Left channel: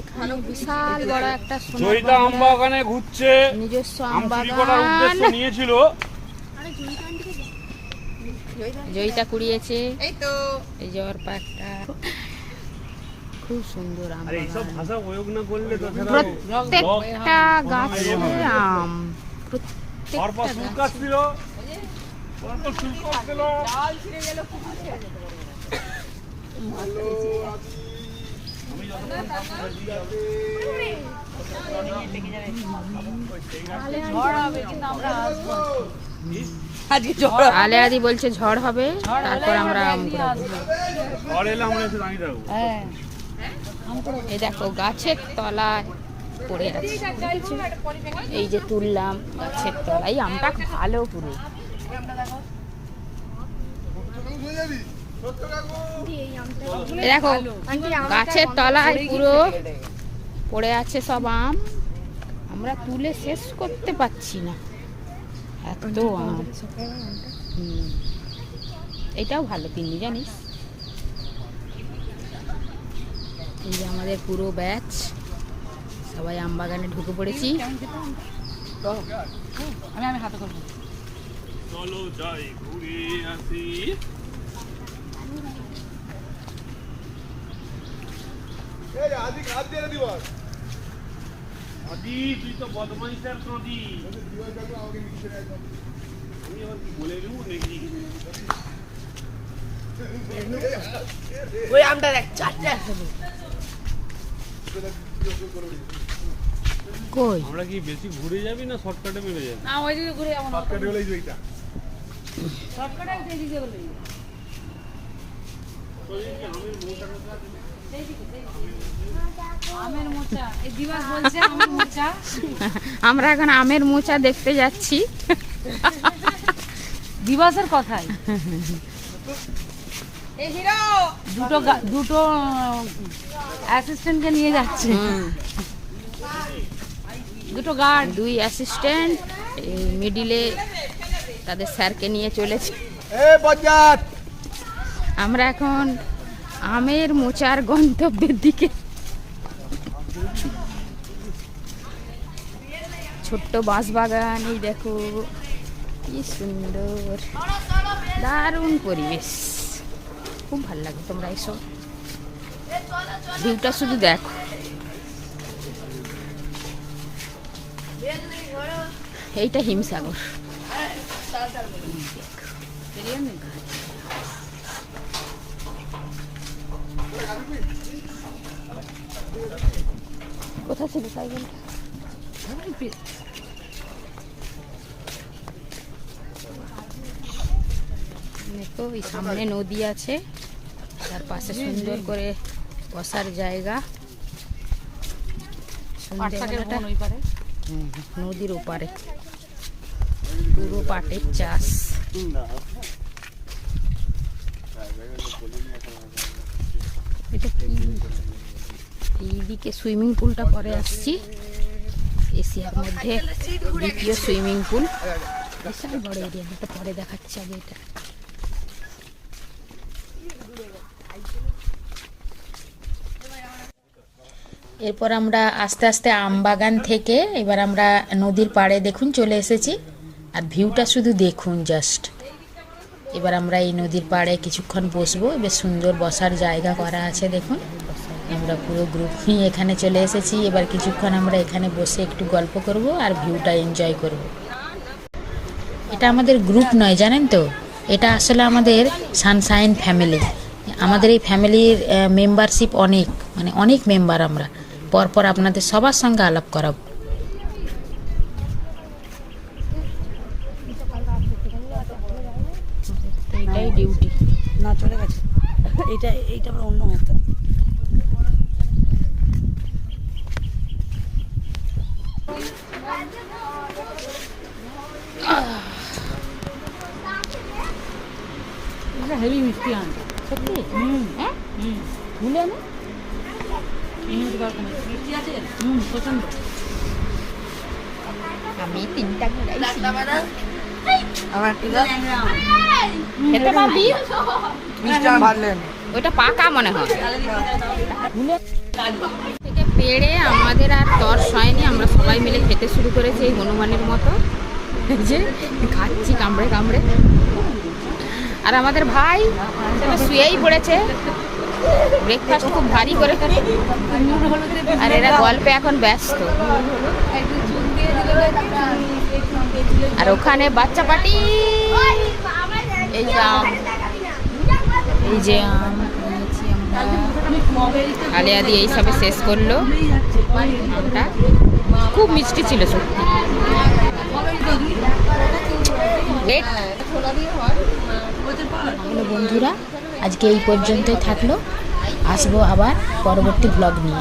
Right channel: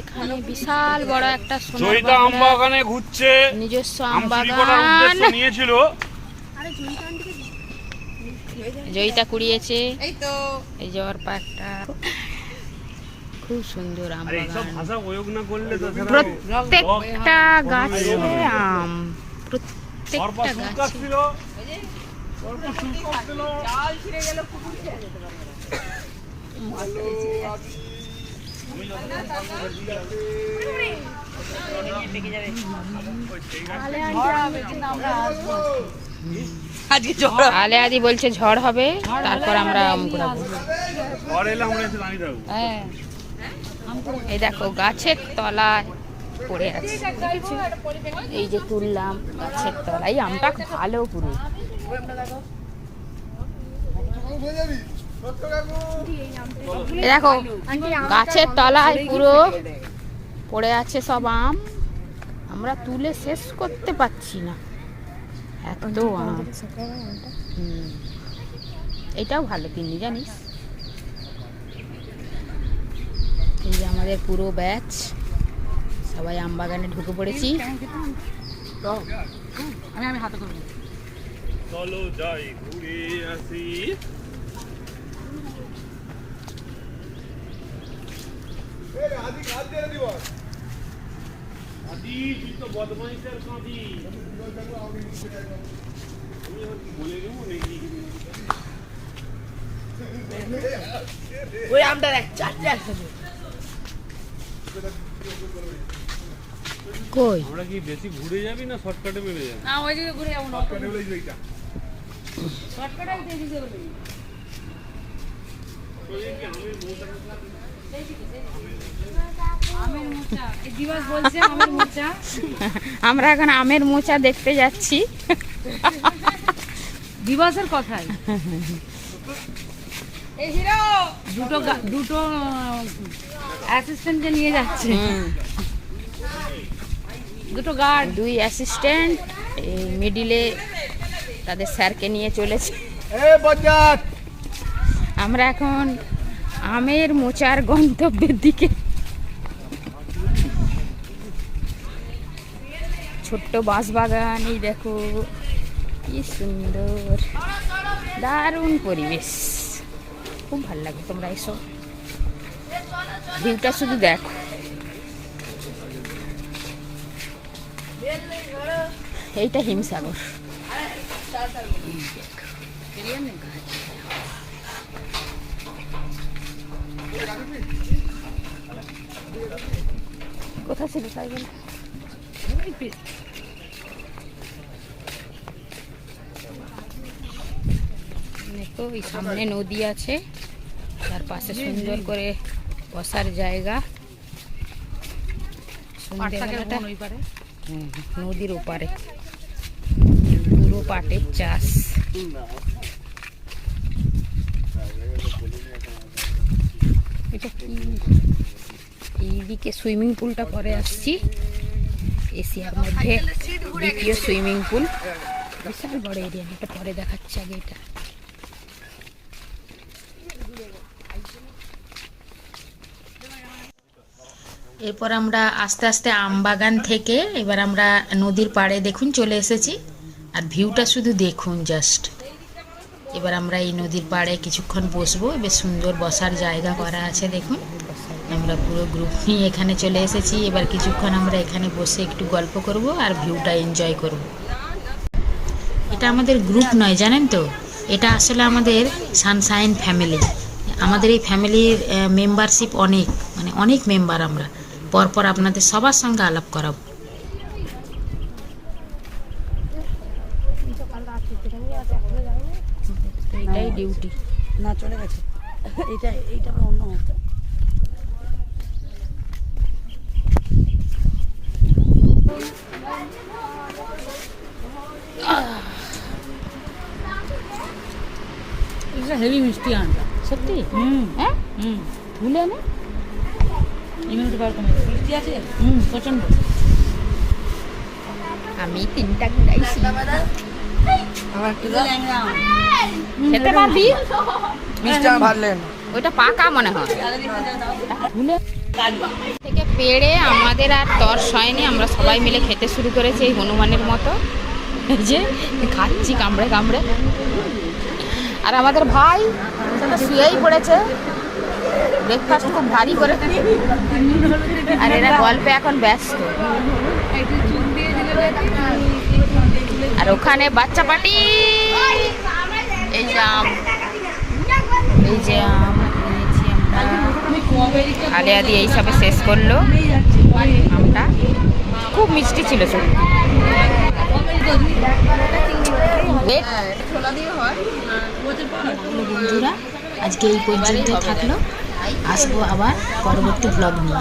এখানে বিশাল বড় একটা জয়িতা আম বাগানে ঘুরছে, নিজস্ব আম বাগান নিয়েছিল। জয়িতা কুড়িয়েছে, এই যে ওর পাকটা খুব সুন্দর আম বাগান। ভাষা প্রয়োগ না করলে প্রত্যেকটা গাছে আম, প্রত্যেকটা গাছে। আলে আদি বলছে ঝড় হবে, তারপর আমরা আম কুড়াবো। এই দেখো গাছের তলায় পড়ে আছে, এই যে তুললাম গাছের তলায়। আমটা ভালো পুরো। দেখো গাছের তলায় পুরো পড়ে আছে সব আম, আমরা তুলে শেষ করতে পারছি না, এত আম। এটাও ভালো তিন্নি, জানিস? এই যে আমাদের পুরো ব্যাচ সবাই আম বাগানে ঢুকে পড়েছি। আমি হাতে করব, চলো যাই ঘুরে আসি। আদি তুই তো বদমাইশের কাঁদি। ওই আমটা দেখ, চারটে একসাথে। কই আমরা কি বেশি ঘুরে যাবি না শর্টকাটে মিলে যাবি? না ওই দিকে ঘুরে যাবো না, শর্টকাটে হলেই এইটা শর্টকাটে এইদিকে বলে। আমরা এখন আমের মোচা দেখতে যাচ্ছি। দিবসের কথাই দুটো অ্যাসিস্ট্যান্টকে নিয়ে যাচ্ছে, দুটো গার্ড, দুই অ্যাসিস্ট্যান্ট এই মিডিলে তাদের স্যারকে নিয়ে চলেছে। আমরা এখন আমের মোচার গন্তব্যের দিকে। ছোট্ট বাঁশ বাগান, এই দেখো কি সুন্দর, দারুণ পরিবেশ, খুব ভালো লাগে। তোমরা এসো, ভিউটা শুধু দেখো। এইটা হিমসাগর। কোথা ছিল সাইকেল? দেখো এই সামনে নদী আছে, তার পাশে সুন্দর করে বসার জায়গা। সন্ধ্যেবেলাটা নদীর ওপারে পুরো পাটের চাষ। এটা কি? এইদিকে সুইমিং পুলটা পরে আসছি। এশিয়ার মধ্যে দ্বিতীয় সুইমিং পুল, বিশাল বড় এরিয়া। এটা পরে দেখাচ্ছি, আগে এটা। এরপর আমরা আস্তে আস্তে আম বাগান থেকে এবার আমরা নদীর পাড়ে দেখুন চলে এসেছি। আর ভিউটা শুধু দেখুন জাস্ট। এবার আমরা এই নদীর পাড়ে কিছুক্ষণ বসবো, বেশ সুন্দর বসার জায়গা করা আছে দেখুন। আমরা পুরো গ্রুপ নিয়ে এখানে চলে এসেছি। এবার কিছুক্ষণ আমরা এখানে বসে একটু গল্প করব আর ভিউটা এনজয় করব। এটা আমাদের গ্রুপ নয়, জানেন তো, এটা আসলে আমাদের সানশাইন ফ্যামিলি। আমাদের এই ফ্যামিলির মেম্বারশিপ অনেক, মানে অনেক মেম্বার। আমরা পরপর আপনাদের সবার সঙ্গে আলাপ করাবো। ডিউটি না চলে গেছে, এইটা অন্য মতো। হেভি মিষ্টি আম, সত্যি? হ্যাঁ ভুলে না মিষ্টি আছে, প্রচন্ড। আমি 3টা ঘুরাইছি। খেতে পারবি? মিষ্টি আম ভালো লাগে না। ওইটা পাকা মনে হয় থেকে পেড়ে আমাদের আর তর্স হয়নি, আমরা সবাই মিলে খেতে শুরু করেছি এই হনুমানের মতো, এই যে খাচ্ছি কামড়ে কামড়ে। আর আমাদের ভাই তো শুয়েই পড়েছে, ব্রেকফাস্ট খুব ভারী করে, আর এরা গল্পে এখন ব্যস্ত। আর ওখানে বাচ্চা পার্টি, এই যে আম, এই যে আম নিয়েছি আমরা, আলিয়া দিয়ে এইসবে শেষ করলো আমটা, খুব মিষ্টি ছিল সত্যি। বন্ধুরা আজকে এই পর্যন্ত থাকলো, আসবো আবার পরবর্তী ব্লগ নিয়ে।